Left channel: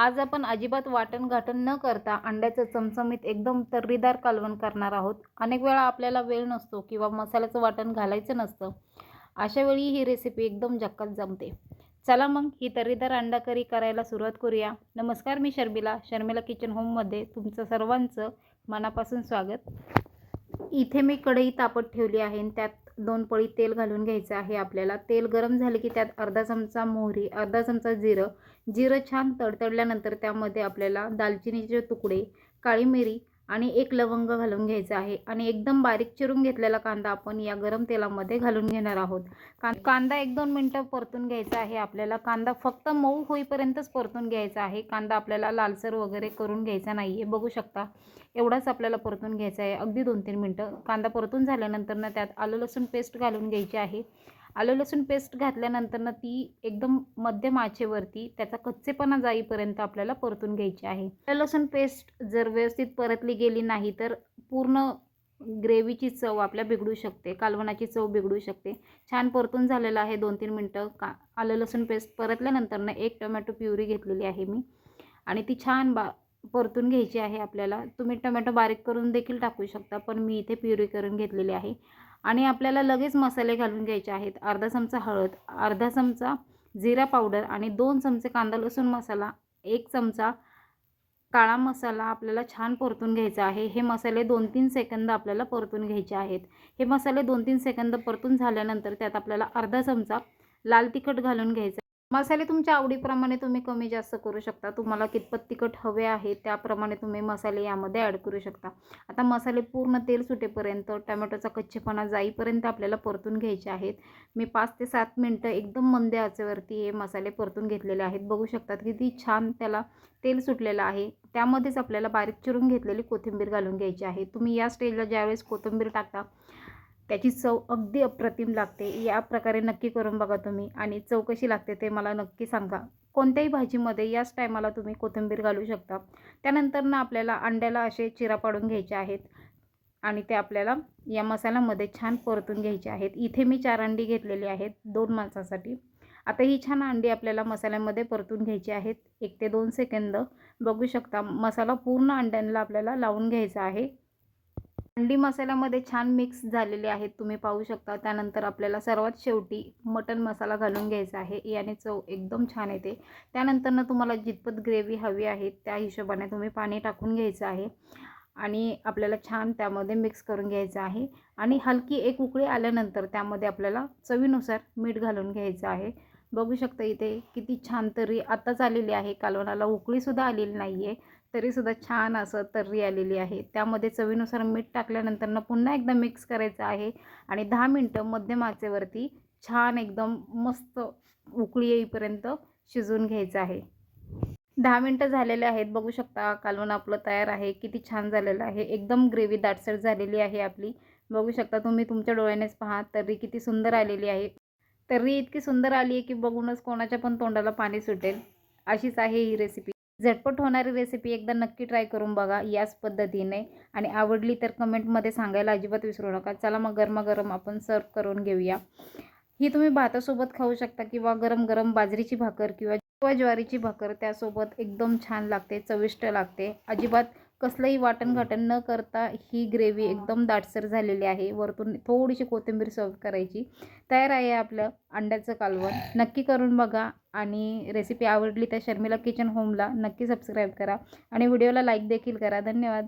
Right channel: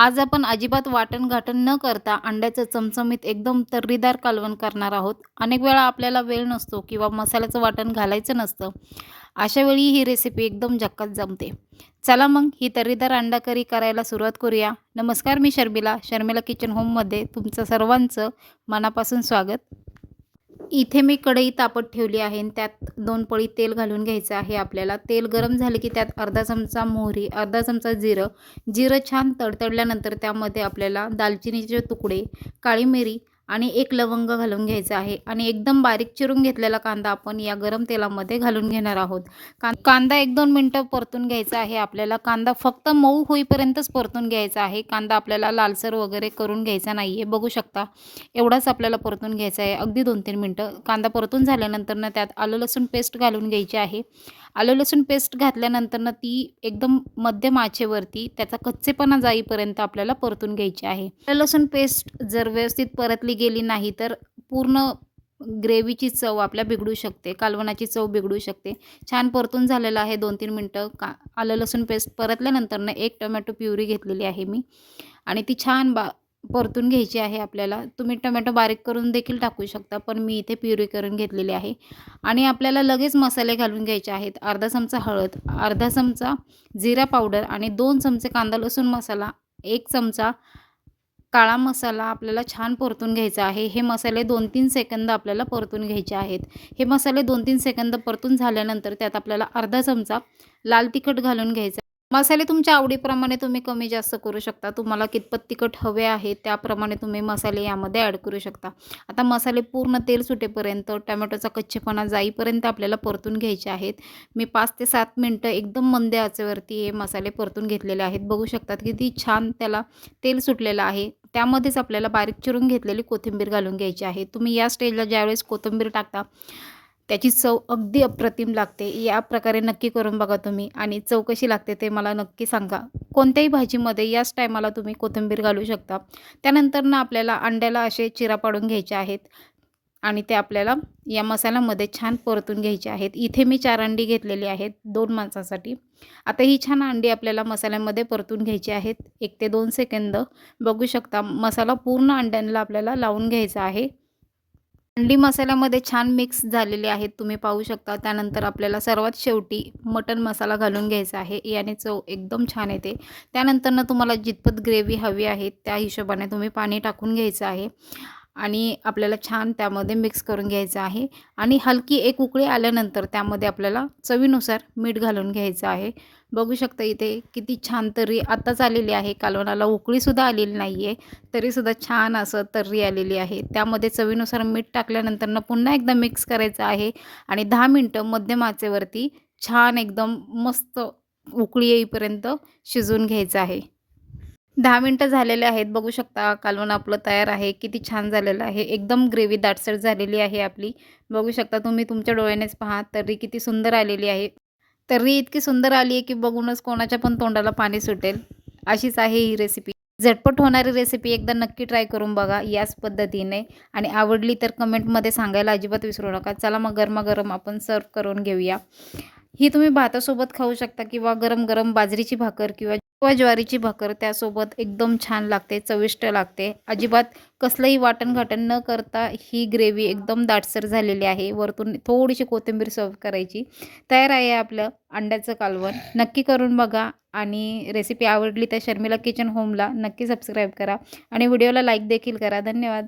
आज आपण अजिबात वाटण घाटण न करता अंड्याचं चमचमीत एकदम तर्रीदार कालवण करणार आहोत. अनेक वेळा आपल्याला वेळ नसतो किंवा मसाल्याचं वाटण घालायचं नसतं. अशा वेळी ही रेसिपी एकदम झक्कात जमते. चला मग ही तर्रीदार अंडा करी करायला सुरुवात करूया. नमस्कार मी शर्मिला. शर्मिला किचन होममध्ये तुमचं सर्वांचं मनापासून स्वागत. इथे मी कढई तापत ठेवली आहे आणि त्यात दोन पळी तेल घालून घ्यायचं आहे आपल्याला. तेल गरम झाले की त्यात अर्धा चमचा मोहरी अर्धा चमचा जिरं. जिरं छान तडतडल्यानंतर त्यामध्ये आपल्याला दालचिनीचे तुकडे काळी मिरी आणि एक लवंग घालून घ्यायचं आहे. आणि एकदम बारीक चिरून घेतलेला कांदा आपण या गरम तेलामध्ये घालून घेणार आहोत. कांदा एक दोन मिनटं परतून घ्यायचा आहे. आपल्याला कांदा फक्त मऊ होईपर्यंतच परतून घ्यायचा आहे. कांदा आपल्याला लालसर वगैरे करून घ्यायचा नाही आहे बघू शकता एवढाच आपल्याला परतून घ्यायचा आहे. अगदी दोन तीन मिनटं. कांदा परतून झाल्यानंतर ना त्यात आलं लसूण पेस्ट घालून घ्यायची आहे. आलं लसूण पेस्ट घातल्यानंतर ना ती एकदम मध्यम आचेवरती त्याचा कच्चेपणा जाईपर्यंत आपल्याला परतून घ्यायची आहे. आलं लसूण पेस्ट जर व्यवस्थित परतली गेली नाही तर पूर्ण ग्रेव्हीची चव आपल्या बिघडू शकते कालवणाची चव बिघडू शकते. छान परतून झालेलं आहे दोन तीन मिनटं का आलं लसूण पेस्ट परतल्यानंतर ना एक टोमॅटो प्युरी घेतलेली आहे मी. आणि ती छान बा परतून घ्यायची आहे आपल्याला. तुम्ही टोमॅटो बारीक करून देखील टाकू शकता पण मी इथे प्युरी करून घेतलेली आहे. आणि आपल्याला लगेच मसाले घालून घ्यायचे आहेत. अर्धा चमचा हळद अर्धा चमचा जिरा पावडर आणि दोन चमचे कांदा लसूण मसाला एक चमचा काळा मसाला आपल्याला छान परतून घ्यायचा आहे. हे मसाले दोन तीन सेकंद आपल्याला परतून घ्यायचे आहेत. हे मसाले दोन तीन सेकंद परतून झाल्यानंतर त्यात आपल्याला अर्धा चमचा लाल तिखट घालून घ्यायचा मसाले तुमच्या आवडीप्रमाणे तुम्ही कमी जास्त करू शकता. तुम्हाला कितपत तिखट हवे आहे त्याप्रमाणे तुम्ही मसाले यामध्ये ॲड करू शकता. आता मसाले पूर्ण तेल सुटेपर्यंत टमॅटोचा कच्चेपणा जाईपर्यंत आपल्याला परतून घ्यायचे आहेत. मी पाच ते सात मिनटं एकदम मंद आचेवरती हे मसाले परतून घेतलेले आहेत. बघू शकतात किती छान त्याला तेल सुटलेलं आहे. त्यामध्येच आपल्याला बारीक चिरून घेतलेली कोथिंबीर घालून घ्यायची आहे. तुम्ही या स्टेजला ज्यावेळेस कोथिंबीर टाकता त्याची चव अगदी अप्रतिम लागते. या प्रकारे नक्की करून बघा तुम्ही आणि चव कशी लागते ते मला नक्की सांगा. कोणत्याही भाजीमध्ये याच टायमाला तुम्ही कोथिंबीर घालू शकता. त्यानंतर ना आपल्याला अंड्याला असे चिरा पाडून घ्यायचे आहेत आणि ते आपल्याला या मसाल्यामध्ये छान परतून घ्यायचे आहेत. इथे मी चार अंडी घेतलेली आहेत दोन माणसासाठी. आता ही छान अंडी आपल्याला मसाल्यामध्ये परतून घ्यायची आहेत. एक ते दोन सेकंद बघू शकता. मसाला पूर्ण अंड्यांना आपल्याला लावून घ्यायचा आहे. अंडी मसाल्यामध्ये छान मिक्स झालेले आहेत. तुम्ही पाहू शकता. त्यानंतर आपल्याला सर्वात शेवटी मटन मसाला घालून घ्यायचा आहे. याने चव एकदम छान येते. त्यानंतरनं तुम्हाला जितपत ग्रेव्ही हवी आहे त्या हिशोबाने तुम्ही पाणी टाकून घ्यायचं आहे. आणि आपल्याला छान त्यामध्ये मिक्स करून घ्यायचं आहे. आणि हलकी एक उकळी आल्यानंतर त्यामध्ये आपल्याला चवीनुसार मीठ घालून घ्यायचं आहे. बघू शकता इथे किती छान तर्री आत्ताच आलेली आहे. कालवणाला उकळीसुद्धा आलेली नाही आहे तरीसुद्धा छान असं तर्री आलेली आहे. त्यामध्ये चवीनुसार मीठ टाकल्यानंतर पुन्हा एकदा मिक्स करायचं आहे. आणि दहा मिनटं मध्यम आचेवरती छान एकदम मस्त उकळी येईपर्यंत शिजवून घ्यायचं आहे. दहा मिनटं झालेले आहेत. बघू शकता कालवण आपलं तयार आहे. किती छान झालेलं आहे. एकदम ग्रेव्ही दाटसर झालेली आहे आपली. बघू शकता तुम्ही तुमच्या डोळ्यानेच पहा. तर्री किती सुंदर आलेली आहे. तर्री इतकी सुंदर आली आहे की बघूनच कोणाच्या पण तोंडाला पाणी सुटेल. अशीच आहे ही रेसिपी झटपट होणारी रेसिपी एकदा नक्की ट्राय करून बघा याच पद्धतीने. आणि आवडली तर कमेंटमध्ये सांगायला अजिबात विसरू नका. चला मग गरमागरम आपण सर्व करून घेऊया. ही तुम्ही भातासोबत खाऊ शकता किंवा गरम गरम बाजरीची भाकर किंवा किंवा ज्वारीची भाकर त्यासोबत एकदम छान लागते चविष्ट लागते. अजिबात कसलंही वाटण घाटण न करता ही ग्रेव्ही एकदम दाटसर झालेली आहे. वरतून थोडीशी कोथिंबीर सर्व करायची. तयार आहे आपलं अंड्याचं कालवण. नक्की करून बघा आणि रेसिपी आवडली तर शर्मिला किचन होमला नक्की सबस्क्राईब करा आणि व्हिडिओला लाईक देखील करा. धन्यवाद.